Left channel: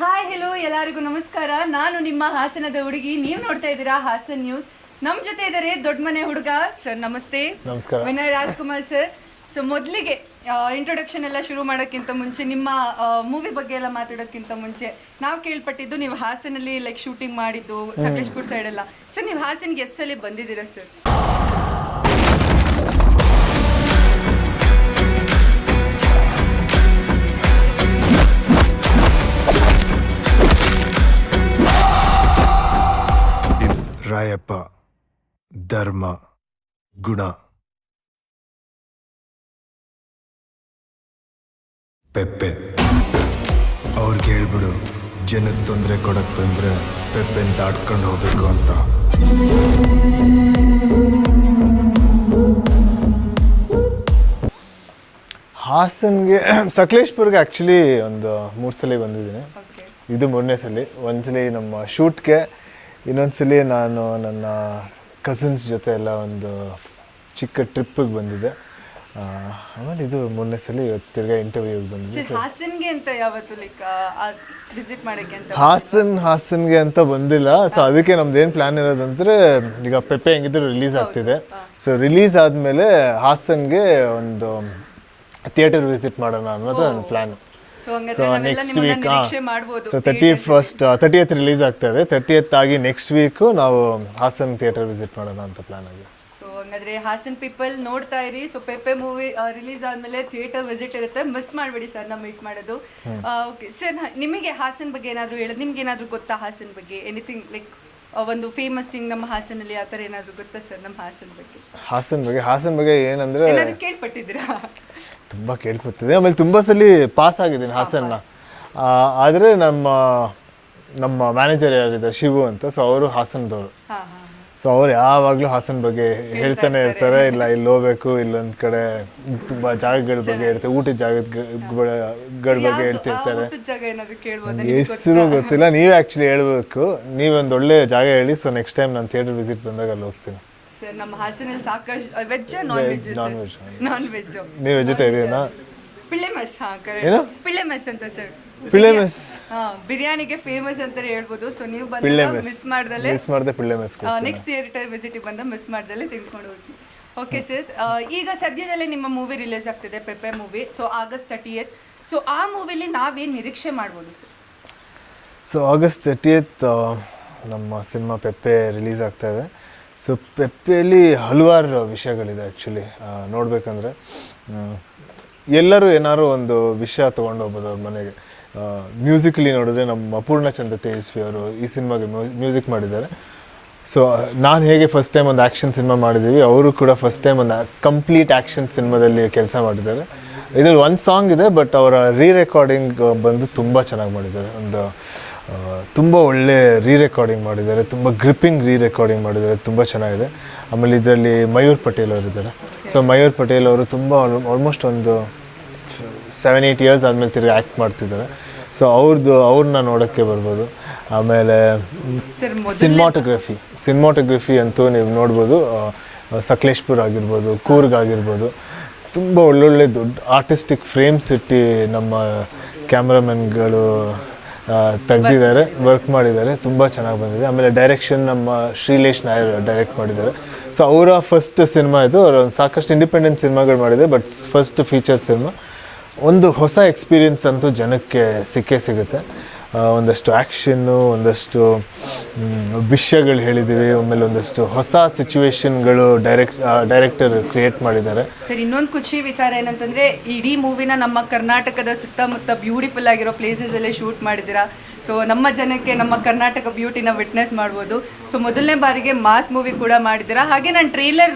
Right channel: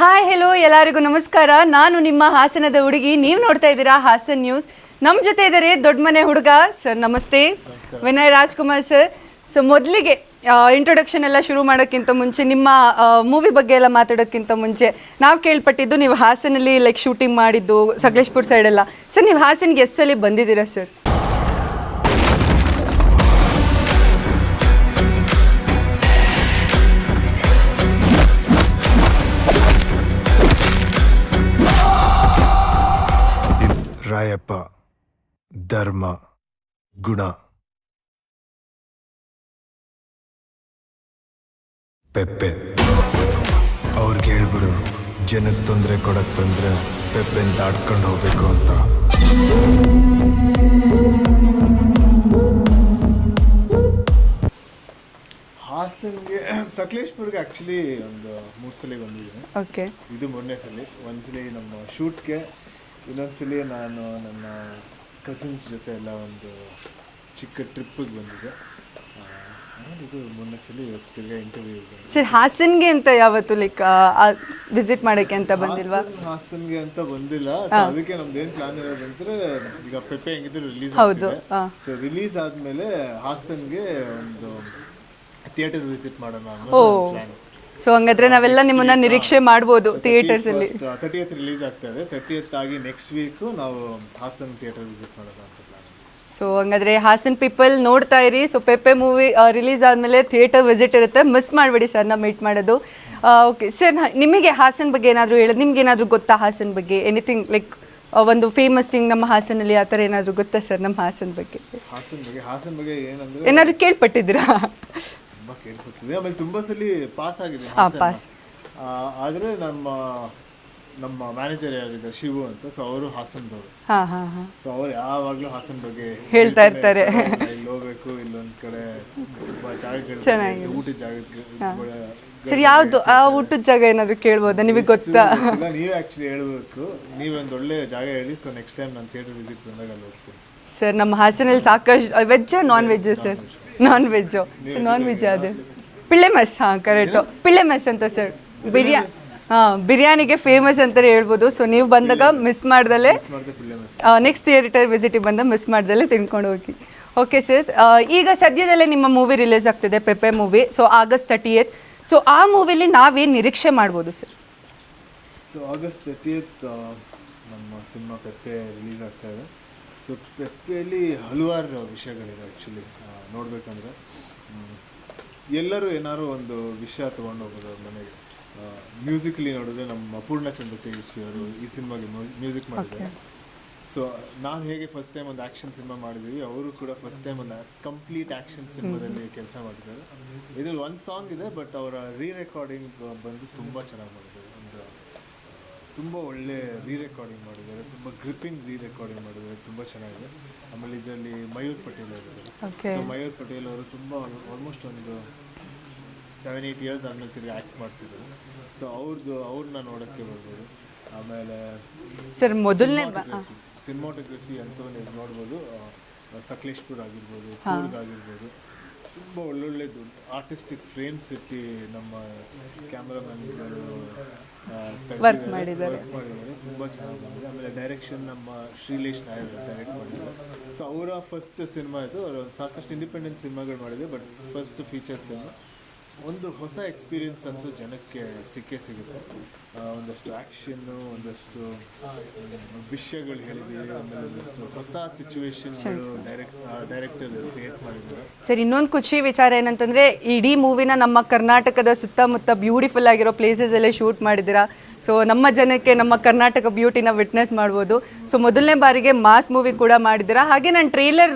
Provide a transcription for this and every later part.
Hi hello ಎಲ್ಲರಿಗೂ ನಮಸ್ಕಾರ. ನಾನು ನಿಮ್ಮ ಹಾಸನದ ಹುಡುಗಿ. ನೀವು ನೋಡ್ತಾ ಇದ್ದೀರಾ ಹಾಸನ್ ನ್ಯೂಸ್ ನಮ್ಮ ಜೊತೆ ಇದ್ದಾರೆ ದೊಡ್ಡ ಮನೆ ಹುಡುಗ ಸರ್ ನಮಸ್ತೆ. ನಮಸ್ಕಾರ. ವಿನಯ್ ರಾಜ್ಕುಮಾರ್ ಸರ್ ಸೊ ಮೊದಲಿಗೆ ಇಂಟ್ರೊಡಕ್ಷನ್ ಎಲ್ಲ ಶುರು ಮಾಡೋಕ್ಕಿಂತ ಮುಂಚೆ ನಿಮ್ಮ ಮೂವಿ ಬಗ್ಗೆ ಎಲ್ಲ ಮಾತಾಡೋಕ್ಕಿಂತ ಮುಂಚೆ ನಾವು ಕೇಳ್ಪಟ್ಟಿದ್ದು ನೀವು ಹಾಸನಲ್ಲಿ ಲೈಕ್ ಶೂಟಿಂಗ್ ಮಾಡಿದ್ದು ಸಕಲೇಶ್ಪುರ್ ಸೈಡ್ ಎಲ್ಲ ಸರ್ ನೀವು ಹಾಸನ್ಗೆ ಗೆಸ್ಟ್ ಸಲ ಬಂದಿದ್ದೀರಾ ಸರ್ ರಾಯಪ್ಪ ಧರ್ಮ ಗುಣ. ಪೆಪ್ಪೆ. ಅವ್ರಿಗೆ ಹೇಳ್ಬಿಡು ಜನಕ್ಕೆ ತೊಂದರೆ ಕೊಡಕ್ ಬಂದ್ರೆ ಪೆಪ್ಪೆನ್ ದಾಟ್ಕೊಂಡು ಹೋಗ್ಬೇಕು ಅಂತ. ಹಾಸನ್ಗೆ ಸಕಲೇಶ್ಪುರ್ಗೆ ಆ್ಯಕ್ಚುಲಿ ಒಂದು ಮೂರು ಸಲ ಬಂದಿದ್ದೀನಿ. ಓಕೆ ಇದು ಮೂರನೇ ಸಲ. ಒಂದ್ಸಲಿ ನಮ್ಮ ಶೂಟ್ಗೆ ಇನ್ನೊಂದ್ಸಲಿ ನಾನು ನನ್ನ ಕಸಿನ್ಸ್ ಜೊತೆ ಎಲ್ಲ ಒಂದು ಚಿಕ್ಕ ಟ್ರಿಪ್ಪಿಗೆ ಬಂದಿದ್ದೆ. ಆಮೇಲೆ ಇದು ಮೊನ್ನೆ ಸಲ ತಿರ್ಗಾ ಇಂಟರ್ವ್ಯೂಗೆ ಬಂದಿದ್ದೆ. ಸರ್ ಹಾಸನ್ಗೆ ಅಂತ ಯಾವತ್ತು ಲೈಕ್ ವಿಸಿಟ್ ಮಾಡೋಕ್ಕೆ ಅಂತ ಹಾಸನ್ ಹಾಸನ್ಗೆ ಅಂತ ಬಂದಿಲ್ಲ. ಸೊ ಅದಕ್ಕೆ ನಮ್ದು ಏನು ಪ್ಲಾನ್ ಇರೋದಂದ್ರೆ ಈಗ ಪೆಪ್ಪೆ ಹೆಂಗಿದ್ರು ರಿಲೀಸ್ ಆಗ್ತಿದೆ. ಸೊ ರಿಲೀಸ್ ಆದ್ಮೇಲೆ ಹಾಸನ್ಗೆ ಒಂದು ಥಿಯೇಟರ್ ವಿಸಿಟ್ ಮಾಡೋಣ ಅನ್ನೋದು ಪ್ಲಾನ್ ಸೊ ಹಂಗಾದ್ರೆ ನಾವೆಲ್ಲ ನಿಮ್ಮನ್ನ ನಿರೀಕ್ಷೆ ಮಾಡಬಹುದು theatre first thirtieth release ಆಗ್ತಾ ಇದೆ ತರ್ಟಿ ಎತ್ ಆಗಿ ನೆಕ್ಸ್ಟ್ ವೀಕ್ ನಾವು ಹಾಸನ್ ಥಿಯೇಟರ್ ವಿಸಿಟ್ ಮಾಡೋಣ ಅಂತ ಪ್ಲಾನ್ ಆಗಿದೆ ಸೊ ಹಂಗಾದ್ರೆ ಹಾಸನ್ ಪೀಪಲ್ ನೋಡ್ತಾ ಇರಿ. ಸೊ ಪೆಪ್ಪೆ ಮೂವಿ ರಿಲೀಸ್ ಆದ್ಮೇಲೆ ಥಿಯೇಟರ್ ವಿಸಿಟ್ ಇರುತ್ತೆ. ಮಿಸ್ ಮಾಡಬೇಡಿ ಸರ್ ನಾ ಮೀಟ್ ಮಾಡೋದು. ಓಕೆ ಸರ್ ನಿಮಗೆ ಹಾಸನ್ ಬಗ್ಗೆ ಏನಾದರೂ ಹೇಳೋದು ನಿಮ್ಗೆ ಏನಾದರೂ ಗೊತ್ತಾ ಹಾಸನ್ ಬಗ್ಗೆ? ಎನಿಥಿಂಗ್ ಲೈಕ್ ಒಂದು ಫೇಮಸ್ ಥಿಂಗ್ ನಮ್ಮ ಹಾಸನಲ್ಲಿ ಆ ಥರ ಏನಾದರೂ ಗೊತ್ತಾ ಸರ್ ನಮ್ಮ ಹಾಸನ್ ಬಗ್ಗೆ? ಹಾಸನ್ ಬಗ್ಗೆ ಹಾಸನ್ ಬಗ್ಗೆ ಏನಂದ್ರೆ ಏನಾದರೂ ಕೇಳ್ಪಟ್ಟಿದ್ದೀರಾ? ತುಂಬಾ ಕೇಳ್ಕೊತಿದೆ ಆಮೇಲೆ ತುಂಬಾ ಸಲ ಪಾಸ್ ಆಗಿದ್ದೀನಿ ಹಾಸನ. ಆ, ಆದ್ರೆ ನಮ್ಮ ನಮ್ಮ ಮ್ಯಾನೇಜರ್ ಯಾರಿದ್ದಾರೆ? ಶಿವು ಅಂತ. ಸೊ ಅವರು ಹಾಸನದವರು. ಸೊ ಅವ್ರು ಯಾವಾಗ್ಲೂ ಹಾಸನ್ ಬಗ್ಗೆ ಹೇಳ್ತಾನೆ ಇರ್ತಾರೆ. ಇಲ್ಲ ಇಲ್ಲಿ ಹೋಗ್ಬೇಕು ಇಲ್ಲೊಂದ್ ಕಡೆ ತುಂಬಾ ಜಾಗಗಳ ಬಗ್ಗೆ ಹೇಳ್ತಾರೆ. ಊಟದ ಜಾಗದ ಜಾಗ ಏನಾದರೂ ಕೇಳ್ಬೋದಾ? ನಿಮಗೆ ಗೊತ್ತಿಲ್ಲ. ನೀವೇ ಆಕ್ಚುಲಿ ಹೇಳ್ಬೇಕು. ನೀವೊಂದು ಒಳ್ಳೆ ಜಾಗ ಹೇಳಿ. ಸೊ ನೆಕ್ಸ್ಟ್ ಟೈಮ್ ನಾನು ಥಿಯೇಟರ್ ವಿಸಿಟ್ ಬಂದಾಗ ಅಲ್ಲಿ ಹೋಗ್ತೀನಿ. ಸರ್ ನಮ್ಮ ಹಾಸನಲ್ಲಿ ಸಾಕಷ್ಟು veg non veg sir? Non veg ನೀವು ವೆಜಿಟೇರಿಯನ್? ಪಿಳ್ಳೆ ಮೆಸ್ ಹಾ ಕರೆಕ್ಟ್ ಪಿಳ್ಳೆ ಮಸ್ ಅಂತ ಸರ್. ಮೆಸ್? ಹಾ ಬಿರಿಯಾನಿಗೆ ಫೇಮಸ್ ಅಂತಾನೆ ಹೇಳ್ಬೋದು. ಸೊ ನೀವು ಬಂದಾಗ ಮಿಸ್. ಮಾಡ್ದಲೆ ಮಿಸ್ ಮಾಡಿದೆ ಪಿಳ್ಳೆ ಮೆಸ್ ನೆಕ್ಸ್ಟ್ ಥಿಯೇಟರ್ ವಿಸಿಟಿಗೆ ಬಂದ ಮಿಸ್ ಮಾಡ್ದಲೆ ತಿನ್ಕೊಂಡು ಹೋಗಿ. ಓಕೆ ಸರ್ ಈಗ ಸದ್ಯದಲ್ಲೇ ನಿಮ್ಮ ಮೂವಿ ರಿಲೀಸ್ ಆಗ್ತಿದೆ Pepe movie so August thirtieth so ಆ ಮೂವಿಲಿ ನಾವೇನು ನಿರೀಕ್ಷೆ ಮಾಡ್ಬೋದು ಸರ್ ಸೊ ಆಗಸ್ಟ್ ತರ್ಟಿಯತ್ ನಮ್ಮ ಸಿನಿಮಾ ಪೆಪ್ಪೆ ರಿಲೀಸ್ ಆಗ್ತಾ ಇದೆ. ಸೊ ಪೆಪ್ಪೆಯಲ್ಲಿ ಹಲವಾರು ವಿಷಯಗಳಿದೆ ಆ್ಯಕ್ಚುಲಿ ನೋಡಬೇಕಂದ್ರೆ ಎಲ್ಲರೂ ಏನಾದ್ರು ಒಂದು ವಿಷಯ ತೊಗೊಂಡು ಹೋಗ್ಬೋದು ಮನೆಗೆ. ಮ್ಯೂಸಿಕಲಿ ನೋಡಿದ್ರೆ ನಮ್ಮ ಅಪೂರ್ಣ ಚಂದ್ರ ತೇಜಸ್ವಿ ಅವರು ಈ ಸಿನಿಮಾಗೆ ಮ್ಯೂಸಿಕ್ ಮಾಡಿದ್ದಾರೆ. ಸೊ ನಾನು ಹೇಗೆ ಫಸ್ಟ್ ಟೈಮ್ ಒಂದು ಆ್ಯಕ್ಷನ್ ಸಿನಿಮಾ ಮಾಡಿದ್ದೀವಿ, ಅವರು ಕೂಡ ಫಸ್ಟ್ ಟೈಮ್ ಒಂದು ಕಂಪ್ಲೀಟ್ ಆ್ಯಕ್ಷನ್ ಸಿನಿಮಾದಲ್ಲಿ ಕೆಲಸ ಮಾಡಿದ್ದಾರೆ. ಇದರಲ್ಲಿ ಒಂದು ಸಾಂಗ್ ಇದೆ ಬಟ್ ಅವರ ರೀ ರೆಕಾರ್ಡಿಂಗ್ ಬಂದು ತುಂಬ ಚೆನ್ನಾಗಿ ಮಾಡಿದ್ದಾರೆ. ಒಂದು ತುಂಬ ಒಳ್ಳೆ ರೀ ರೆಕಾರ್ಡಿಂಗ್ ಮಾಡಿದ್ದಾರೆ ತುಂಬ ಗ್ರಿಪ್ಪಿಂಗ್ ರೀ ರೆಕಾರ್ಡಿಂಗ್ ಮಾಡಿದ್ದಾರೆ ತುಂಬ ಚೆನ್ನಾಗಿದೆ. ಆಮೇಲೆ ಇದರಲ್ಲಿ ಮಯೂರ್ ಪಟೇಲ್ ಅವರು ಇದ್ದಾರೆ. ಸೊ ಮಯೂರ್ ಪಟೇಲ್ ಅವರು ತುಂಬ ಆಲ್ಮೋಸ್ಟ್ ಒಂದು ಸೆವೆನ್ ಏಯ್ಟ್ ಇಯರ್ಸ್ ಆದಮೇಲೆ ತಿರುಗಿ ಆ್ಯಕ್ಟ್ ಮಾಡ್ತಿದ್ದಾರೆ. ಸೊ ಅವ್ರದ್ದು ಅವ್ರನ್ನ ನೋಡೋಕ್ಕೆ ಬರ್ಬೋದು. ಆಮೇಲೆ ಸಿನಿಮಾಟೋಗ್ರಫಿ ಸಿನಿಮಾಟೋಗ್ರಫಿ ಅಂತೂ ನೀವು ನೋಡ್ಬೋದು. ಸಕಲೇಶ್ಪುರ್ ಆಗಿರ್ಬೋದು ಕೂರ್ಗ್ ಆಗಿರ್ಬೋದು. ತುಂಬ ಒಳ್ಳೊಳ್ಳೆ ದೊಡ್ಡ ಆರ್ಟಿಸ್ಟಿಕ್ ಫ್ರೇಮ್ಸ್ ಇಟ್ಟು ನಮ್ಮ ಕ್ಯಾಮ್ರಾಮನ್ಗಳು ತೆಗ್ದಿದ್ದಾರೆ ವರ್ಕ್ ಮಾಡಿದ್ದಾರೆ, ತುಂಬ ಚೆನ್ನಾಗಿ ಬಂದಿದೆ. ಆಮೇಲೆ ಡೈರೆಕ್ಷನ್ ನಮ್ಮ ಶ್ರೀಲೇಶ್ ನಾಯರ್ ಡೈರೆಕ್ಟ್ ಮಾಡಿದ್ದಾರೆ. ಸೊ ಅವರ ಫಸ್ಟ್ ಸಿನಿಮಾ ಇದು, ಅವರು ಒಂದು ಸಾಕಷ್ಟು ಇಂಡಿಪೆಂಡೆಂಟ್ ಸಿನಿಮಾಗಳು ಮಾಡಿದೆ ಬಟ್ ಫಸ್ಟ್ ಫೀಚರ್ ಸಿನಿಮಾ ಒಂದು ಹೊಸ ಎಕ್ಸ್ಪೀರಿಯನ್ಸ್ ಅಂತೂ ಜನಕ್ಕೆ ಸಿಕ್ಕೇ ಸಿಗುತ್ತೆ. ಒಂದಷ್ಟು ಆ್ಯಕ್ಷನ್ನು ಒಂದಷ್ಟು ವಿಷಯಗಳು ಹೇಳಿದ್ದೀವಿ ಆಮೇಲೆ ಒಂದಷ್ಟು ಹೊಸ ಸಿಚುವೇಶನ್ಗಳು ಡೈರೆಕ್ಟ್ ಡೈರೆಕ್ಟರ್ ಕ್ರಿಯೇಟ್ ಮಾಡಿದ್ದಾರೆ. ಸರ್, ಇನ್ನೊಂದು ಖುಷಿ ವಿಚಾರ ಏನಂತಂದ್ರೆ, ಇಡೀ ಮೂವಿನ ನಮ್ಮ ಕರ್ನಾಟಕದ ಸುತ್ತಮುತ್ತ ಬ್ಯೂಟಿಫುಲ್ ಆಗಿರೋ ಪ್ಲೇಸಸ್ ಎಲ್ಲ ಶೂಟ್ ಮಾಡಿದ್ದೀರಾ? ಸೊ ನಮ್ಮ ಜನಕ್ಕೆ ನಮ್ಮ ಕರ್ನಾಟಕ ಬ್ಯೂಟಿನ ವಿಟ್ನೆಸ್ ಮಾಡ್ಬೋದು. ಸೊ ಮೊದಲನೇ ಬಾರಿಗೆ ಮಾಸ್ ಮೂವಿ ಕೂಡ ಮಾಡಿದ್ದೀರಾ? ಹಾಗೆ ನಾನು ಟ್ರೈಲರ್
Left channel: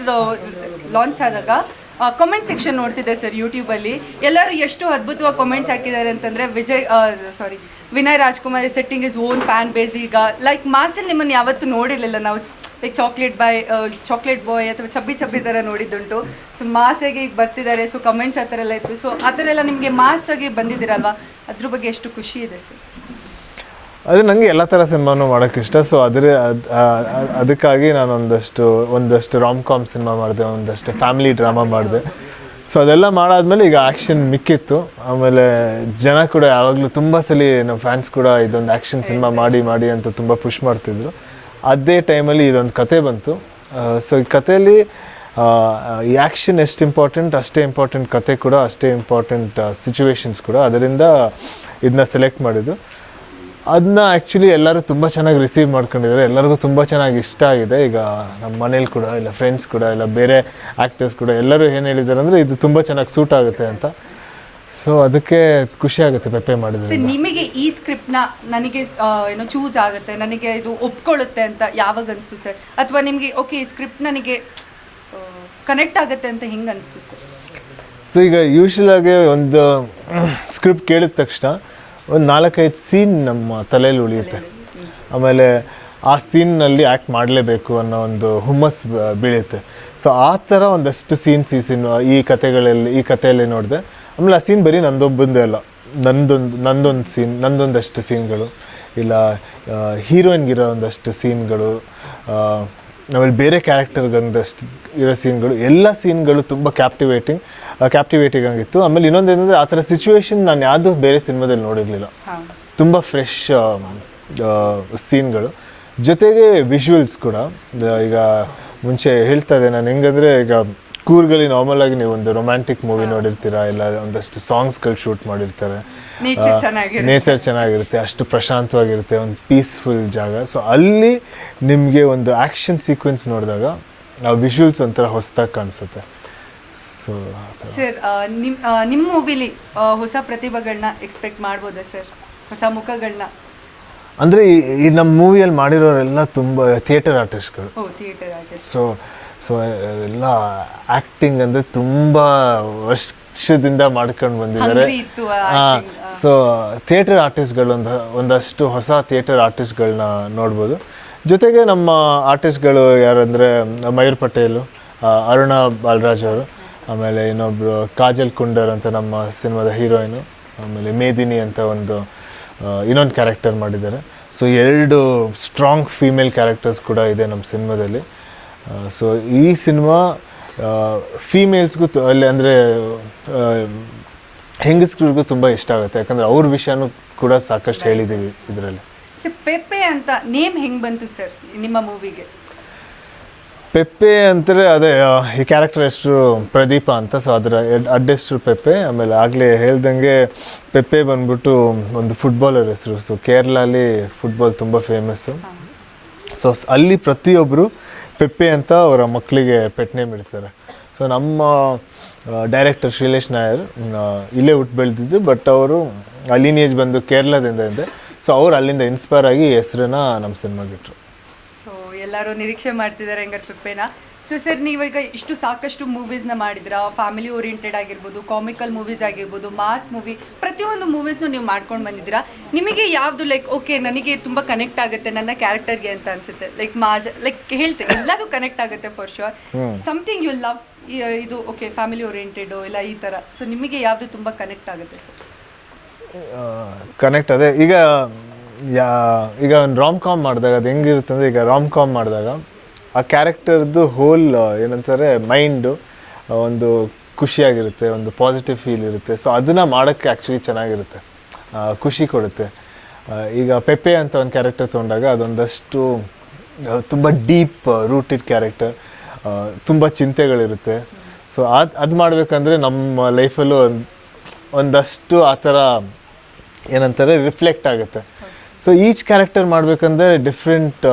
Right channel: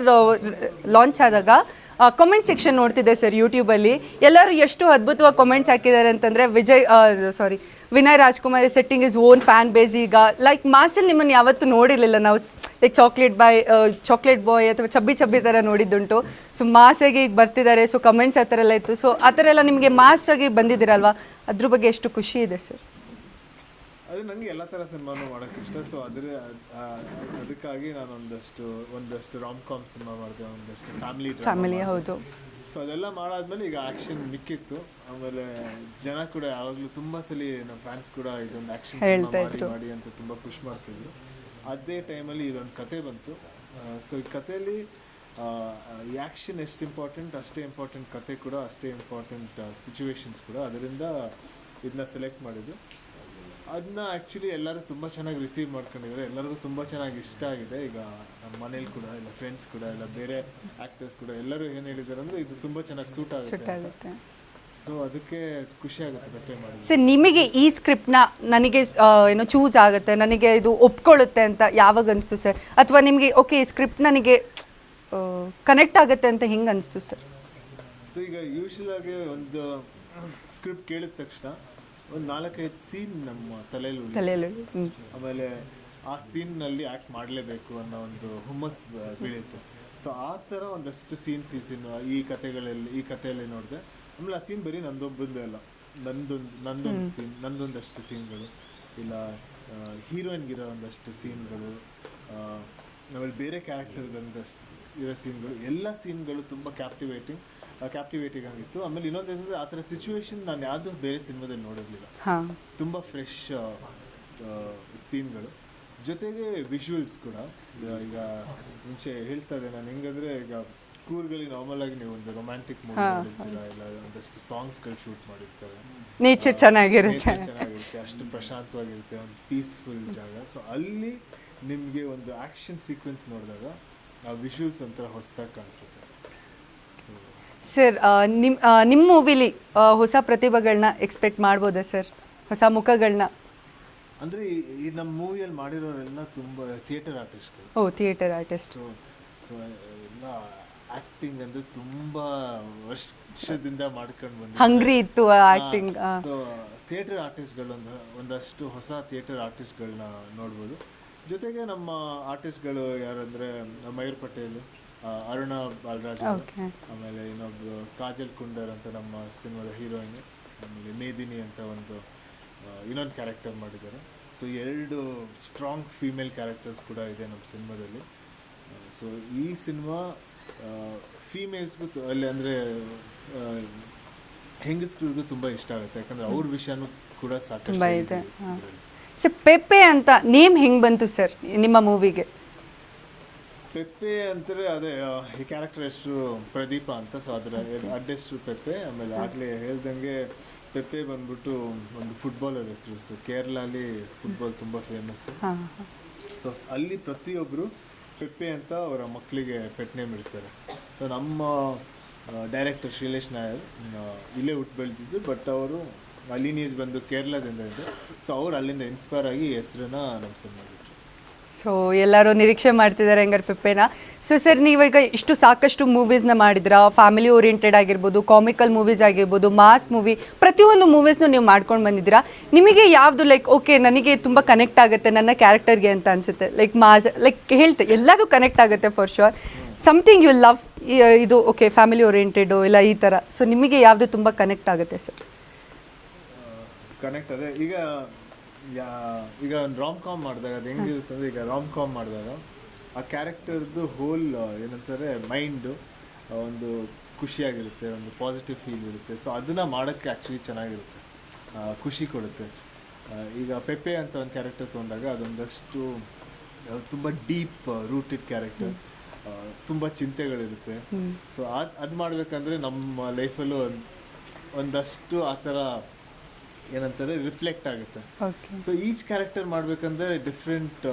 ಲಾಂಚ್ ಆದಾಗ ಕಮೆಂಟ್ ಸೆಕ್ಷನ್ ನೋಡ್ತಿದ್ದೆ ಸರ್ ಯೂಟ್ಯೂಬಲ್ಲಿ ಎಲ್ಲರೂ ಎಷ್ಟು ಅದ್ಭುತವಾಗಿ ಕಮೆಂಟ್ಸ್ ಹಾಕಿದ್ದಾರೆ ಅಂತಂದ್ರೆ, Vijay sorry Vinay Rajkumar setting is own fan base ಈಗ. ಲೈಕ್ ಮಾಸಲ್ಲಿ ನಿಮ್ಮನ್ನು ಯಾವತ್ತೂ ನೋಡಿರ್ಲಿಲ್ಲ. ನಾವು like chocolate boy chocolate boy ಅಥವಾ ಚಬ್ಬಿ ಚಬ್ಬಿ ಥರ ನೋಡಿದ್ದುಂಟು. ಸೊ ಮಾಸಾಗಿ ಇದು ಬರ್ತಿದ್ದಾರೆ. ಸೊ ಕಮೆಂಟ್ಸ್ ಆ ಥರ ಎಲ್ಲ ಇತ್ತು. ಸೊ ಆ ಥರ ಎಲ್ಲ ನಿಮಗೆ ಮಾಸಾಗಿ ಬಂದಿದ್ದೀರಲ್ವಾ? ಅದ್ರ ಬಗ್ಗೆ ಎಷ್ಟು ಖುಷಿ ಇದೆ ಸರ್ ಅದು ನನಗೆ ಎಲ್ಲ ಥರ ಸಿನಿಮಾನು ಮಾಡೋಕ್ಕೆ ಇಷ್ಟ. ಸೊ ಅದರ ಅದಕ್ಕಾಗಿ ನಾನು ಒಂದಷ್ಟು ಒಂದಷ್ಟು ರಾಮ್ ಕಾಮ್ ಸಿನಿಮಾ ಮಾಡಿದೆ ಒಂದಷ್ಟು ಫ್ಯಾಮಿಲಿ ಡ್ರಾಮಾ ಮಾಡಿದೆ. ಸೊ ಅದೆಲ್ಲ ಮಾಡಾದ್ಮೇಲೆ ಈಗ ಆ್ಯಕ್ಷನ್ ಮಿಕ್ಕಿತ್ತು. ಆಮೇಲೆ ಜನ ಕೂಡ ಯಾವಾಗಲೂ ತುಂಬ ಸಲ ನಮ್ಮ ಫ್ಯಾನ್ಸ್ ಕೂಡ ಇದೊಂದು ಆ್ಯಕ್ಷನ್ ಸಿನಿಮಾ ಮಾಡಿ ಮಾಡಿ ಅಂತ ತುಂಬ ಪುಷ್ ಮಾಡ್ತಿದ್ರು. ಅದೇ ಟೈಮಲ್ಲಿ ಇದೊಂದು ಕತೆ ಬಂತು. ಸೊ ಈ ಕಥೆಯಲ್ಲಿ ಈ ಆ್ಯಕ್ಷನ್ ಎಷ್ಟು ಇಂಪಾರ್ಟೆಂಟ್ ಅಷ್ಟೇ ಇಂಪಾರ್ಟೆಂಟ್ ಕತೆ ಕೂಡ ಅಷ್ಟೇ ಇಂಪಾರ್ಟೆಂಟ್ ಸಿಚುವೇಶನ್ಸ್ ಕೂಡ. ಅದರಿಂದ ಇದನ್ನ ಸೆಲೆಕ್ಟ್ ಮಾಡಿದ್ದು. ಅದನ್ನ ಆ್ಯಕ್ಚುಲಿ ಎಲ್ಲರೂ ತುಂಬ ಚೆನ್ನಾಗಿ ರಿಸೀವ್ ಮಾಡ್ಕೊಂಡಿದ್ದಾರೆ. ಎಲ್ಲರಿಗೂ ತುಂಬ ಚೆನ್ನಾಗಿ ಇಷ್ಟ ಆಗಿದೆ. ಈಗ ನಮ್ಮ ಮನೇಲಿ ಕೂಡ ಇಲ್ಲ ಫ್ರೆಂಡ್ಸ್ ಕೂಡ ಇಲ್ಲ ಬೇರೆ ಆ್ಯಕ್ಟರ್ಸ್ ಕೂಡ ಎಲ್ಲರೂ ಏನು ಹೇಳಿದ್ದಾರೆ ಅಂದರೆ ಇದು ತುಂಬ ಚೆನ್ನಾಗಿ ಸೂಟ್ ಆಗುತ್ತೆ ಅಂತ. ಸೊ ಅದಕ್ಕೆ ಖುಷಿ ಆಗುತ್ತೆ ಪೆಪ್ಪೆ ಮಾಡಿದ್ರೆ. ನಿಮಗೆ ಈ ಸ್ಕ್ರಿಪ್ಟ್ನ ನನಗೆ ಏನು ಚೂಸ್ ಆಗುತ್ತೆ ನನಗೆ ಇದು ಒಪ್ಕೊಳ್ಳುತ್ತೆ ಅಂತ ಯಾವಾಗ ಅನಿಸ್ತು ಸರ್? ಅಥವಾ ನಿಮಗೆ ಓಕೆ ಈ ಸ್ಕ್ರಿಪ್ಟ್ ನನಗೆ ಕನೆಕ್ಟ್ ಆಗುತ್ತೆ ಅಂತ ಹಿಂಗೆ ಅನಿಸ್ತು ಸರ್? ಸೊ ಈಗ ಯೂಶ್ವಲ್ ಆಗಿ ಒಂದು ಸ್ಕ್ರಿಪ್ಟ್ ಕೇಳಿದ ತಕ್ಷಣ ಒಂದು ನಾಲ್ಕೈದು ಸೀನ್ ನಮ್ಮ ತಲೆಯಲ್ಲಿ ಉಳಿಯುತ್ತೆ. ಆಮೇಲೆ ಆ ಸೀನ್ನಲ್ಲಿ ಆ್ಯಕ್ಟ್ ಮಾಡಲೇಬೇಕು ಅನ್ನೋ ಒಂದು ಹುಮ್ಮಸ್ ಬೀಳುತ್ತೆ. ಸೊ ಆ ಥರ ಒಂದಷ್ಟು ಸೀನ್ಸ್ ಈ ಸೀನ್ ಈ ಕಥೆಗಳಲ್ಲಿ ಈ ಕಥೆಯಲ್ಲಿ ನೋಡಿದೆ ಆಮೇಲೆ ಆ ಸೀನ್ ಬರೀ ನಂದೊಬ್ಬಂದೇ ಅಲ್ಲ. ನಂದೊಂದು ನಂದೊಂದು ಸೀನ್ ನಂದೊಂದಷ್ಟು ಸೀನ್ಗಳು. ಇಲ್ಲ ಹೀರೋಯಿನ್ಗಿರೋ ಒಂದಷ್ಟು ಸೀನ್ಗಳು ಆಮೇಲೆ ಬೇರೆ ಕ್ಯಾರೆಕ್ಟರ್ಗೊಂದಷ್ಟು ಇರೋ ಸೀನ್ಗಳು ಎಲ್ಲ ಸೀನ್ಗಳು ತುಂಬ ಕ್ಯಾಪ್ಟಿವೇಟಿಂಗ್ ಕ್ಯಾಪ್ಟಿವೇಟಿಂಗ್ ಆಗಿತ್ತು. ಆಮೇಲೆ ಇನ್ನೊಂದು ಏನಂದ್ರೆ ಆ ಥರ ಸಿಚುವೇಶನ್ ನಾನು ಯಾವುದೂ ಬೇರೆ ಸಿನಿಮಾದಲ್ಲಿ ನೋಡಿರಲಿಲ್ಲ. ತುಂಬ ಫ್ರೆಶ್ ಸೀನ್ಗಳು. ಜೊತೆಗೆ ವಿಜುವಲ್ಸ್ ಕೂಡ. ಈಗ ಮುಂಚೆ ಹೇಳ್ತಾ ಇದೆ ನಾನು ಹೆಂಗಂದ್ರೆ ಈಗ ಕೂರ್ಗಲ್ಲಿ ನಾರ್ಮಲ್ ಆಗಿ ನೀವು ಒಂದು ರೊಮ್ಯಾಂಟಿಕ್ ಮೂವಿ ನೋಡಿರ್ತೀರಾ? ಇಲ್ಲ ಒಂದಷ್ಟು ಸಾಂಗ್ಸ್ಗಳು ಶೂಟ್ ಮಾಡಿರ್ತಾರೆ. ನೇಚರ್ ಚೆನ್ನಾಗಿರುತ್ತೆ. ನೇಚರ್ ಚೆನ್ನಾಗಿರುತ್ತೆ. ಅಷ್ಟು ಪ್ರಶಾಂತವಾಗಿರುತ್ತೆ ಒಂದು ಪೀಸ್ಫುಲ್ ಜಾಗ. ಸೊ ಅಲ್ಲಿ ನಿಮಗೆ ಒಂದು ಆ್ಯಕ್ಷನ್ ಸೀಕ್ವೆನ್ಸ್ ನೋಡಿದಾಗ ಆ ವಿಜುವಲ್ಸ್ ಒಂಥರ ಹೊಸದಾಗಿ ಕಾಣಿಸುತ್ತೆ. ಸೊ ಸರ್ ನಿಮ್ಮ ನಿಮ್ಮ ನಿಮ್ ಮೂವಿಲಿ ಹೊಸ ಪ್ರತಿಭೆಗಳನ್ನ ಎಕ್ಸ್ಪೆಕ್ಟ್ ಮಾಡ್ಬೋದಾ ಸರ್? ಹೊಸ ಮುಖಗಳನ್ನ ಅಂದರೆ ಈ ನಮ್ಮ ಮೂವಿಯಲ್ಲಿ ಮಾಡಿರೋರೆಲ್ಲ ತುಂಬ ಥಿಯೇಟರ್ ಆರ್ಟಿಸ್ಟ್ಗಳು ಓ ಥಿಯೇಟರ್ ಆರ್ಟಿಸ್ಟ್ ಸೊ ಸೊ ಎಲ್ಲ ಆ್ಯಕ್ಟಿಂಗ್ ಅಂದರೆ ತುಂಬ ವರ್ಷದಿಂದ ಮಾಡ್ಕೊಂಡು ಬಂದಿದ್ದಾರೆ. ಸೊ ಥಿಯೇಟರ್ ಆರ್ಟಿಸ್ಟ್ಗಳು ಒಂದು ಒಂದಷ್ಟು ಹೊಸ ಥಿಯೇಟರ್ ಆರ್ಟಿಸ್ಟ್ಗಳನ್ನ ನೋಡ್ಬೋದು. ಜೊತೆಗೆ ನಮ್ಮ ಆರ್ಟಿಸ್ಟ್ಗಳು ಯಾರಂದರೆ ಮಯೂರ್ ಪಟೇಲು ಅರುಣ ಬಾಲರಾಜ್ ಅವರು ಆಮೇಲೆ ಇನ್ನೊಬ್ಬರು ಕಾಜಲ್ ಕುಂಡರ್ ಅಂತ ನಮ್ಮ ಸಿನಿಮಾದ ಹೀರೋಯಿನು ಆಮೇಲೆ ಮೇದಿನಿ ಅಂತ ಒಂದು ಇನ್ನೊಂದು ಕ್ಯಾರೆಕ್ಟರ್ ಮಾಡಿದ್ದಾರೆ. ಸೊ ಎರಡು ಸ್ಟ್ರಾಂಗ್ ಫೀಮೇಲ್ ಕ್ಯಾರೆಕ್ಟರ್ಸ್ ಕೂಡ ಇದೆ ನಮ್ಮ ಸಿನಿಮಾದಲ್ಲಿ. ಸೊ ಈ ಸಿನಿಮಾ ಫೀಮೇಲ್ಸ್ಗೂ ಅಲ್ಲಿ ಅಂದರೆ ಹೆಂಗಸ್ರಿಗೂ ತುಂಬ ಇಷ್ಟ ಆಗುತ್ತೆ. ಯಾಕಂದರೆ ಅವ್ರ ವಿಷಯನೂ ಕೂಡ ಸಾಕಷ್ಟು ಹೇಳಿದ್ದೀವಿ ಇದರಲ್ಲಿ. ಸರ್ ಪೆಪ್ಪೆ ಅಂತ ನೇಮ್ ಹೆಂಗೆ ಬಂತು ಸರ್ ನಿಮ್ಮ ಮೂವಿಗೆ ಪೆಪ್ಪೆ ಅಂತಾರೆ ಅದೇ ಈ ಕ್ಯಾರೆಕ್ಟರ್ ಹೆಸರು ಪ್ರದೀಪ ಅಂತ ಸೊ ಅದರ ಅಡ್ಡ ಹೆಸರು ಪೆಪ್ಪೆ. ಆಮೇಲೆ ಆಗಲೇ ಹೇಳ್ದಂಗೆ ಪೆಪ್ಪೆ ಬಂದ್ಬಿಟ್ಟು ಒಂದು ಫುಟ್ಬಾಲರ್ ಹೆಸರು. ಸೊ ಕೇರಳಲ್ಲಿ ಫುಟ್ಬಾಲ್ ತುಂಬ ಫೇಮಸ್ಸು ಸೊ, ಅಲ್ಲಿ ಪ್ರತಿಯೊಬ್ಬರು ಪೆಪ್ಪೆ ಅಂತ ಅವರ ಮಕ್ಕಳಿಗೆ ಪೆಟ್ ನೇಮ್ ಇಡ್ತಾರೆ. ಸೊ ನಮ್ಮ ಡೈರೆಕ್ಟರ್ ಶ್ರೀಲೇಶ್ ನಾಯರ್ ಇಲ್ಲೇ ಹುಟ್ಟು ಬೆಳೆದಿದ್ದು ಬಟ್ ಅವರು ಲೀನಿಯೇಜ್ ಬಂದು ಕೇರಳದಿಂದ ಇದೆ. ಸೊ ಅವ್ರು ಅಲ್ಲಿಂದ ಇನ್ಸ್ಪೈರ್ ಆಗಿ ಹೆಸರನ್ನ ನಮ್ಮ ಸಿನಿಮಾಗೆ ಇಟ್ರು. ಸೊ ಎಲ್ಲರೂ ನಿರೀಕ್ಷೆ ಮಾಡ್ತಿದ್ದಾರೆ ಹೆಂಗಾರೆ ಪೆಪ್ಪೆನ ಸೊ ಸರ್ ನೀವೀಗ ಇಷ್ಟು ಸಾಕಷ್ಟು ಮೂವೀಸ್ನ ಮಾಡಿದ್ರ? ಫ್ಯಾಮಿಲಿ ಓರಿಯೆಂಟೆಡ್ ಆಗಿರ್ಬೋದು ಕಾಮಿಕಲ್ ಮೂವೀಸ್ ಆಗಿರ್ಬೋದು ಮಾಸ್ ಮೂವಿ ಪ್ರತಿಯೊಂದು ಮೂವೀಸ್ನು ನೀವು ಮಾಡ್ಕೊಂಡು ಬಂದಿದ್ದೀರಾ? ನಿಮಗೆ ಯಾವುದು ಲೈಕ್ ಓಕೆ ನನಗೆ ತುಂಬ ಕನೆಕ್ಟ್ ಆಗುತ್ತೆ ನನ್ನ ಕ್ಯಾರೆಕ್ಟರ್ಗೆ ಅಂತ ಅನ್ಸುತ್ತೆ. ಲೈಕ್ ಮಾಸ್ ಲೈಕ್ ಹೇಳ್ತೆ ಎಲ್ಲದು ಕನೆಕ್ಟ್ ಆಗುತ್ತೆ for sure something you love ಇದು ಓಕೆ ಫ್ಯಾಮಿಲಿ ಓರಿಯೆಂಟೆಡು ಇಲ್ಲ ಈ ಥರ ಸೊ ನಿಮಗೆ ಯಾವುದು ತುಂಬ ಕನೆಕ್ಟ್ ಆಗುತ್ತೆ ಸರ್ ಕನೆಕ್ಟ್ ಅದೇ. ಈಗ ಯಾ, ಈಗ ಒಂದು ರಾಮ್ ಕಾಮ್ ಮಾಡಿದಾಗ ಅದು ಹೆಂಗಿರುತ್ತೆ ಅಂದರೆ ಈಗ ರಾಮ್ ಕಾಮ್ ಮಾಡಿದಾಗ ಆ ಕ್ಯಾರೆಕ್ಟರ್ದು ಹೋಲ್ ಏನಂತಾರೆ ಮೈಂಡು ಒಂದು ಖುಷಿಯಾಗಿರುತ್ತೆ, ಒಂದು ಪಾಸಿಟಿವ್ ಫೀಲ್ ಇರುತ್ತೆ. ಸೊ ಅದನ್ನು ಮಾಡೋಕ್ಕೆ ಆ್ಯಕ್ಚುಲಿ ಚೆನ್ನಾಗಿರುತ್ತೆ. ಖುಷಿ ಕೊಡುತ್ತೆ. ಈಗ ಪೆಪೆ ಅಂತ ಒಂದು ಕ್ಯಾರೆಕ್ಟರ್ ತೊಗೊಂಡಾಗ ಅದೊಂದಷ್ಟು ತುಂಬ ಡೀಪ್ ರೂಟೆಡ್ ಕ್ಯಾರೆಕ್ಟರ್ ತುಂಬ ಚಿಂತೆಗಳಿರುತ್ತೆ. ಸೊ ಅದು ಅದು ಮಾಡಬೇಕಂದ್ರೆ ನಮ್ಮ ಲೈಫಲ್ಲೂ ಒಂದಷ್ಟು ಆ ಥರ ಏನಂತಾರೆ ರಿಫ್ಲೆಕ್ಟ್ ಆಗುತ್ತೆ. ಸೊ ಈಚ್ ಕ್ಯಾರೆಕ್ಟರ್ ಮಾಡಬೇಕಂದ್ರೆ ಡಿಫ್ರೆಂಟ್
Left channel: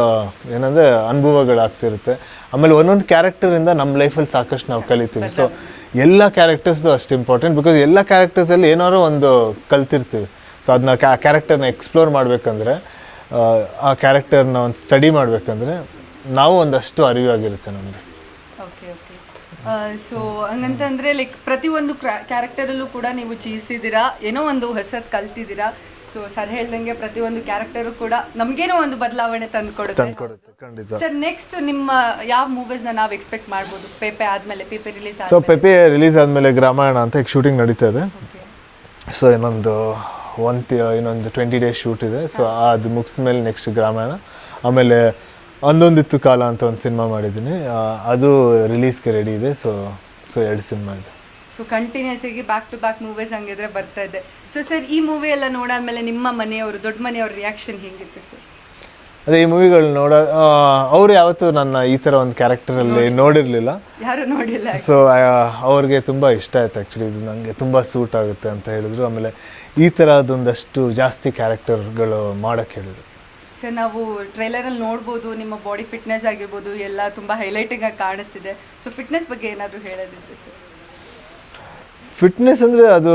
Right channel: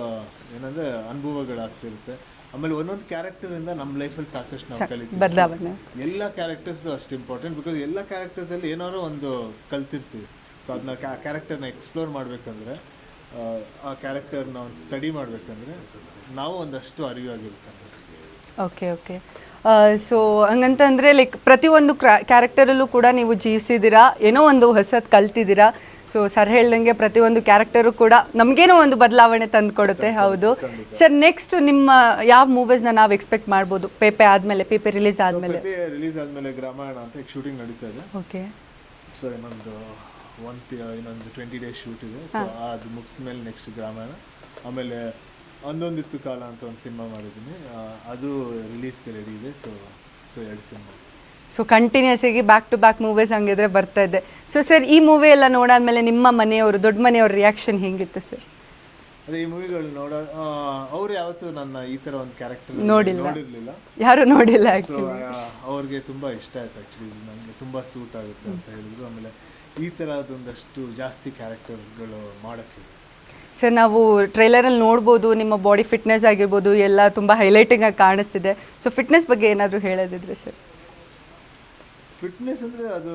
ಏನಂದ್ರೆ ಅನುಭವಗಳಾಗ್ತಿರುತ್ತೆ. ಆಮೇಲೆ ಒಂದೊಂದು ಕ್ಯಾರೆಕ್ಟರಿಂದ ನಮ್ಮ ಲೈಫಲ್ಲಿ ಸಾಕಷ್ಟು ನಾವು ಕಲಿತೀವಿ. ಸೊ ಎಲ್ಲ ಕ್ಯಾರೆಕ್ಟರ್ಸು ಅಷ್ಟು ಇಂಪಾರ್ಟೆಂಟ್ ಬಿಕಾಸ್ ಎಲ್ಲ ಕ್ಯಾರೆಕ್ಟರ್ಸಲ್ಲಿ ಏನಾದ್ರು ಒಂದು ಕಲ್ತಿರ್ತೀವಿ. ಸೊ ಅದನ್ನ ಕ್ಯಾರೆಕ್ಟರ್ನ ಎಕ್ಸ್ಪ್ಲೋರ್ ಮಾಡಬೇಕಂದ್ರೆ ಆ ಕ್ಯಾರೆಕ್ಟರ್ನ ಒಂದು ಸ್ಟಡಿ ಮಾಡಬೇಕಂದ್ರೆ ನಾವು ಒಂದಷ್ಟು ಅರಿವಾಗಿರುತ್ತೆ ನಮಗೆ. ಓಕೆ ಓಕೆ ಸೊ ಹಂಗಂತಂದ್ರೆ ಲೈಕ್ ಪ್ರತಿಯೊಂದು ಕ್ಯಾರೆಕ್ಟರಲ್ಲೂ ಕೂಡ ನೀವು ಜೀವಿಸಿದ್ದೀರಾ? ಏನೋ ಒಂದು ಹೊಸದು ಕಲ್ತಿದ್ದೀರಾ? ಸೊ ಸರ್ ಹೇಳ್ದಂಗೆ ಪ್ರತಿಯೊಂದು ಕ್ಯಾರೆಕ್ಟರು ಕೂಡ ನಮಗೇನೋ ಒಂದು ಬದಲಾವಣೆ ತಂದುಕೊಡುತ್ತೆ ಹೌದು. ಸರ್ ನೆಕ್ಸ್ಟ್ ನಿಮ್ಮ ಯಾವ ಮೂವೀಸ್ನ ನಾವು ಎಕ್ಸ್ಪೆಕ್ಟ್ ಮಾಡ್ಬೋದು? ಪೇಪೆ ಆದಮೇಲೆ Pepe release so Pepe release ಆದಮೇಲೆ ಗ್ರಾಮಾಯಣ ಅಂತ ಈಗ ಶೂಟಿಂಗ್ ನಡೀತಾ ಇದೆ. ಓಕೆ ಸೊ ಇನ್ನೊಂದು ಒಂದು ಇನ್ನೊಂದು ಟ್ವೆಂಟಿ ಡೇಸ್ ಶೂಟ್ ಇದೆ. ಸೊ ಅದು ಮುಗಿಸ್ಮೇಲೆ ಮೇಲೆ ನೆಕ್ಸ್ಟ್ ಗ್ರಾಮಾಯಣ. ಆಮೇಲೆ ಅಂದೊಂದಿತ್ತು ಕಾಲ ಅಂತ ಒಂದು ಸಿನಿಮಾ ಮಾಡಿದ್ದೀನಿ. ಅದು ರಿಲೀಸ್ಗೆ ರೆಡಿ ಇದೆ ಸೊ ಸೊ ಎರಡು ಸಿನಿಮಾ ಇದೆ. ಸೊ ಕಂಟಿನ್ಯೂಸ್ ಆಗಿ ಬ್ಯಾಕ್ ಟು ಬ್ಯಾಕ್ ಮೂವೀಸ್ ಹಂಗಿದ್ರೆ ಬರ್ತಾ ಇದೆ. ಸೊ ಸರ್ ಈ ಮೂವಿ ಎಲ್ಲ ನೋಡಾದ್ಮೇಲೆ ನಿಮ್ಮ ಮನೆಯವರು ದೊಡ್ಡ ಮನೆಯವ್ರ ರಿಯಾಕ್ಷನ್ ಹೇಗಿತ್ತು ಸರ್ ಅದೇ ಈ ಮೂವಿಗಳು ನೋಡ ಅವ್ರು ಯಾವತ್ತೂ ನನ್ನ ಈ ಥರ ಒಂದು ಕ್ಯಾರೆಕ್ಟರಲ್ಲಿ ನೋಡಿರಲಿಲ್ಲ. ಯಾರು ನೋಡಿಲ್ಲ ಸೊ ಅವ್ರಿಗೆ ತುಂಬ ಇಷ್ಟ ಆಯ್ತು ಆ್ಯಕ್ಚುಲಿ ಇದು ನನಗೆ ತುಂಬ ಸೂಟ್ ಆಗುತ್ತೆ ಅಂತ ಹೇಳಿದ್ರು. ಆಮೇಲೆ ಈ ಥರದೊಂದಷ್ಟು ಜಾಸ್ತಿ ಕ್ಯಾರೆಕ್ಟರ್ಗಳು ಮಾಡೋಕ್ಕೆ ಹೇಳಿದ್ರು. ಸರ್ ನಾವು ಟ್ರೈಲರಲ್ಲಿ ನೋಡ್ಬೋದು ನಿಮ್ಮ ಬಾಡಿ ಫಿಟ್ನೆಸ್ ಆಗಿರ್ಬೋದು ಎಲ್ಲ ತುಂಬ ಹೈಲೈಟಿಂಗ್ ಆಗಿ ಕಾಣಿಸ್ತಿದೆ. ಸೊ ಫಿಟ್ನೆಸ್ ಬಗ್ಗೆ ಏನಾದರೂ ಹೇಳೋದಿದ್ರೆ ಸರ್ ಫಿಟ್ನೆಸ್ ಅಂದರೆ ಅದು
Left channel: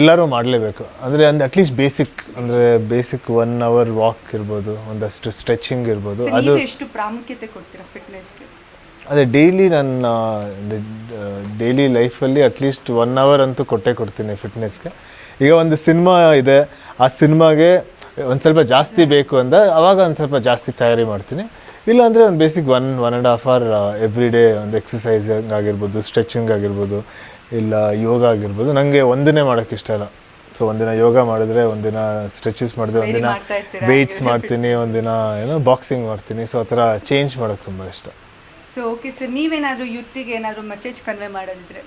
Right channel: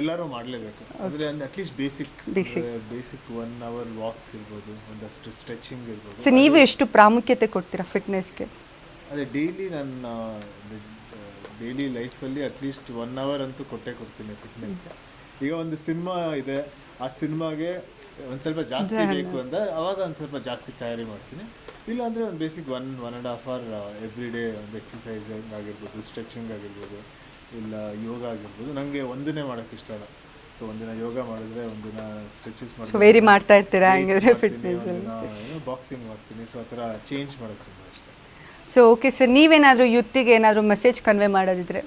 ಎಲ್ಲರೂ ಮಾಡಲೇಬೇಕು. ಅಂದರೆ ಅಂದರೆ ಅಟ್ಲೀಸ್ಟ್ ಬೇಸಿಕ್ ಅಂದರೆ ಬೇಸಿಕ್ ಒನ್ ಅವರ್ ವಾಕ್ ಇರ್ಬೋದು ಒಂದಷ್ಟು ಸ್ಟ್ರೆಚಿಂಗ್ ಇರ್ಬೋದು. ನೀವು ಎಷ್ಟು ಪ್ರಾಮುಖ್ಯತೆ ಕೊಡ್ತೀರಾ ಫಿಟ್ನೆಸ್ಗೆ ಅದೇ ಡೈಲಿ ನನ್ನ ಡೈಲಿ ಲೈಫಲ್ಲಿ ಅಟ್ಲೀಸ್ಟ್ ಒನ್ ಅವರ್ ಅಂತೂ ಕೊಟ್ಟೇ ಕೊಡ್ತೀನಿ ಫಿಟ್ನೆಸ್ಗೆ ಈಗ ಒಂದು ಸಿನಿಮಾ ಇದೆ ಆ ಸಿನಿಮಾಗೆ ಒಂದು ಸ್ವಲ್ಪ ಜಾಸ್ತಿ ಬೇಕು ಅಂದ ಅವಾಗ ಒಂದು ಸ್ವಲ್ಪ ಜಾಸ್ತಿ ತಯಾರಿ ಮಾಡ್ತೀನಿ. ಇಲ್ಲಾಂದರೆ ಒಂದು basic one one and half hour every day ಒಂದು ಎಕ್ಸಸೈಸ್ ಆಗಿರ್ಬೋದು ಸ್ಟ್ರೆಚಿಂಗ್ ಆಗಿರ್ಬೋದು ಇಲ್ಲ ಯೋಗ ಆಗಿರ್ಬೋದು. ನನಗೆ ಒಂದಿನೇ ಮಾಡೋಕ್ಕೆ ಇಷ್ಟ ಇಲ್ಲ. ಸೊ ಒಂದಿನ ಯೋಗ ಮಾಡಿದ್ರೆ ಒಂದಿನ ಸ್ಟ್ರೆಚಸ್ ಮಾಡಿದ್ರೆ ವೆಯ್ಟ್ಸ್ ಮಾಡ್ತೀನಿ ಒಂದಿನ ಏನೋ ಬಾಕ್ಸಿಂಗ್ ಮಾಡ್ತೀನಿ. ಸೊ ಆ ಥರ ಚೇಂಜ್ ಮಾಡೋಕ್ಕೆ ತುಂಬ ಇಷ್ಟ. ಸೊ ಓಕೆ ಸರ್ ನೀವೇನಾದರೂ ಯುತ್ತಿಗೆ ಏನಾದರೂ ಮೆಸೇಜ್ ಕನ್ವೆ ಮಾಡೋದಿದ್ರೆ?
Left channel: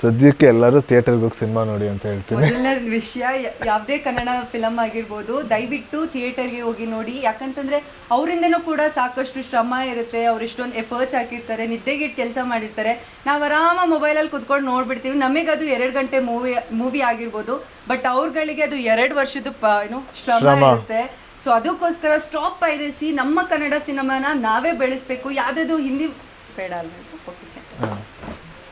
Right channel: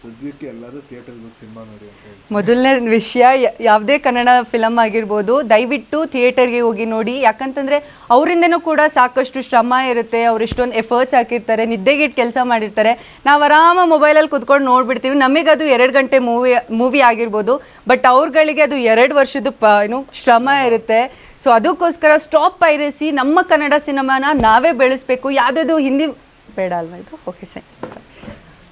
ಸದ್ಯಕ್ಕೆ ಎಲ್ಲರೂ ಥಿಯೇಟರ್ಗೆ ಹೋಗಿ ಸಿನಿಮಾ ನೋಡಿ ಅಂತ ಹೇಳ್ತೀನಿ. ಮೊದಲನೇ ವಿಷಯ ಯಾವುದೇ ಕನ್ನಡ ಫಿಲಮ್ ಆಗಿರ್ಬೋದು ದಯವಿಟ್ಟು ಥಿಯೇಟರ್ಗೆ ಹೋಗಿ ನೋಡಿ. ಯಾಕಂತಂದ್ರೆ ಅವರಿಂದನೂ ಕೂಡ ಸಾಕಷ್ಟು ಶ್ರಮ ಇರುತ್ತೆ. ಅವ್ರು ಇಷ್ಟೊಂದು ಎಫರ್ಟ್ಸ್ ಹಾಕಿರ್ತಾರೆ ನಿದ್ದೆಗಿಟ್ಟು ಕೆಲಸ ಮಾಡಿರ್ತಾರೆ. ನಾವು ಆರಾಮ ಮೊಬೈಲಲ್ಲಿ ಕುತ್ಕೊಂಡು ನೋಡ್ಬಿಡ್ತೀವಿ. ನಮಗೆ ಅದು ಎರಡು ಗಂಟೆ ಮೂವಿ ಮೂವಿ ಆಗಿರ್ಬೋದು ಬಟ್ ಅವ್ರಗಳಿಗೆ ಅದು ಎರಡು ವರ್ಷದ ಪ ಏನು ಶ್ರಮ ಇರುತ್ತೆ. ಸೊ ಅದಕ್ಕೋಸ್ಕರ ಸ್ಟಾಪ್ ಪೈರಸಿ ನಮ್ಮ ಕನ್ನಡ ಸಿನಿಮಾನ ನಾವೇ ಬೆಳೆಸ್ಬೇಕು. ಯಾವುದಾದ್ರು ಹಿಂದಿ ಬೇಡ ಅಲ್ವಾ ಇದು? Okay sir.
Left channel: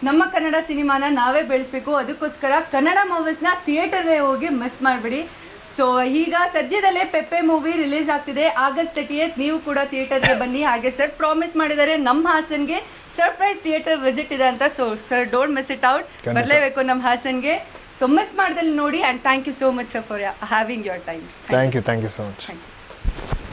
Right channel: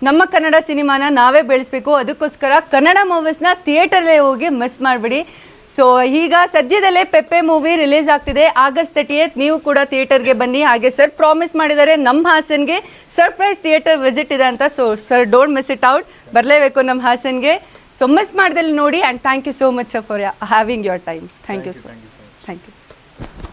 ನಮ್ಮ ಕನ್ನಡ ಸಿನಿಮಾನ ನಾವೇ ಬೆಳೆಸ್ಬೇಕು. ಅದಕ್ಕೋಸ್ಕರ ಕನ್ನಡ ಮೂವೀಸ್ನ ಥಿಯೇಟರ್ಲೇ ಹೋಗಿ ಮಿಸ್ ಮಾಡಬೇಡಿ. ಸೊ ಈಗ ಸದ್ಯದಲ್ಲೇ ಪೆಪ್ಪೆ ಮೂವಿ ರಿಲೀಸ್ ಆಗ್ತಿದೆ. ಆಗಸ್ಟ್ ತರ್ಟಿಯತ್ ನೀವು ಕೂಡ ಥಿಯೇಟರ್ಗೆ ಬನ್ನಿ. ಹಾಗೆ ಸರ್ ಪ್ರಾಮಿಸ್ ಮಾಡಿದ್ದಾರೆ. ನಮ್ಮ ಹಾಸನ್ಗೆ ಸರ್ಪ್ರೈಸ್ ಥಿಯೇಟರ್ ವಿಸಿಟ್ ಇದೆ ಅಂತ so sir don't miss it out ಬರಲೇಬೇಕು ನಮ್ಮ ಹಾಸನ್ಗೆ. ಸೊ ಮಿಸ್ ಮಾಡ್ದಲ್ಲಿ ನೋಡಿ and thank you so much sir for having your time thank you thank you so much thank you